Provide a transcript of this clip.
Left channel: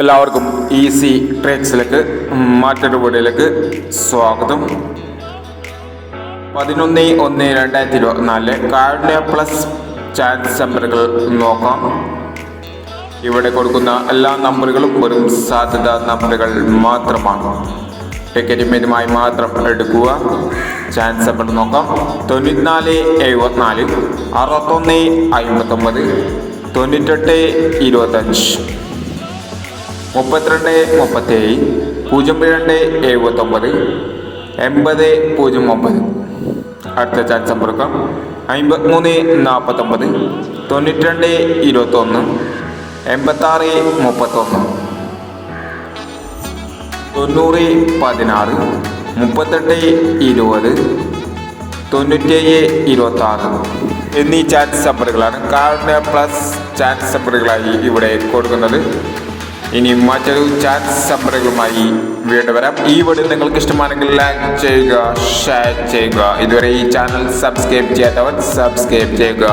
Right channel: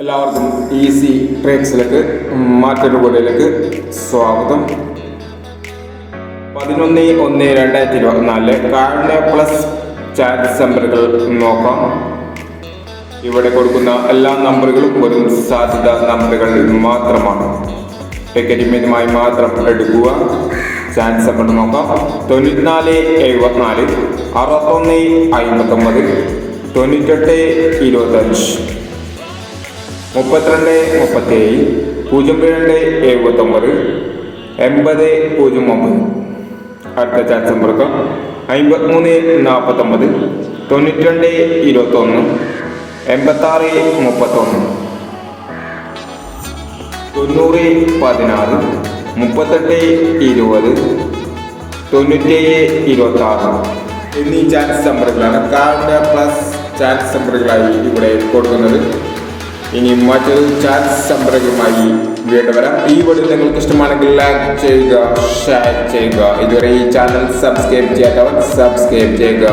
എല്ലാവർക്കും ഈസി ട്രിക്സിലേക്ക് മറ്റൊരു വീഡിയോയിലേക്ക് സ്വാഗതം. 11/1/2024 കാരുണ്യ പ്ലസ് ചാറ്റ് നമ്പറുകൾ നോക്കാം. ഇവിടെ കൊടുക്കുന്ന എല്ലാ നമ്പറുകളും വെറും സാധ്യത നമ്പറുകൾ മാത്രമാണ്. ടിക്കറ്റുമായി മാത്രം എടുക്കുക. ചാൻസ് നമ്പർ നോക്കാം. 94/74 61/59 98/25 32/37 02/79 80/09. അടുത്ത ചാൻസ് നമ്പറുകൾ 53/49 92/21 86/31 90/16 38/20 97/26 എന്നീ ചാൻസ് നമ്പറുകളാണ് കാരുണ്യ പ്ലസ് ചാൻസ് നമ്പറുകളായി ഇവിടെ കൊടുക്കുന്നത്. ഇനി മറ്റൊരു ചാൻസ് നമ്പറുകളുമായി വീണ്ടും വരാം. ഈ വീഡിയോ നിങ്ങൾക്ക് ഇഷ്ടമാണെങ്കിൽ ലൈക്ക് ചെയ്യുക, ഷെയർ ചെയ്യുക. ഇതുവരെ ഈ ചാനൽ സബ്സ്ക്രൈബ് ചെയ്യാത്തവർ സബ്സ്ക്രൈബ് ചെയ്യുക.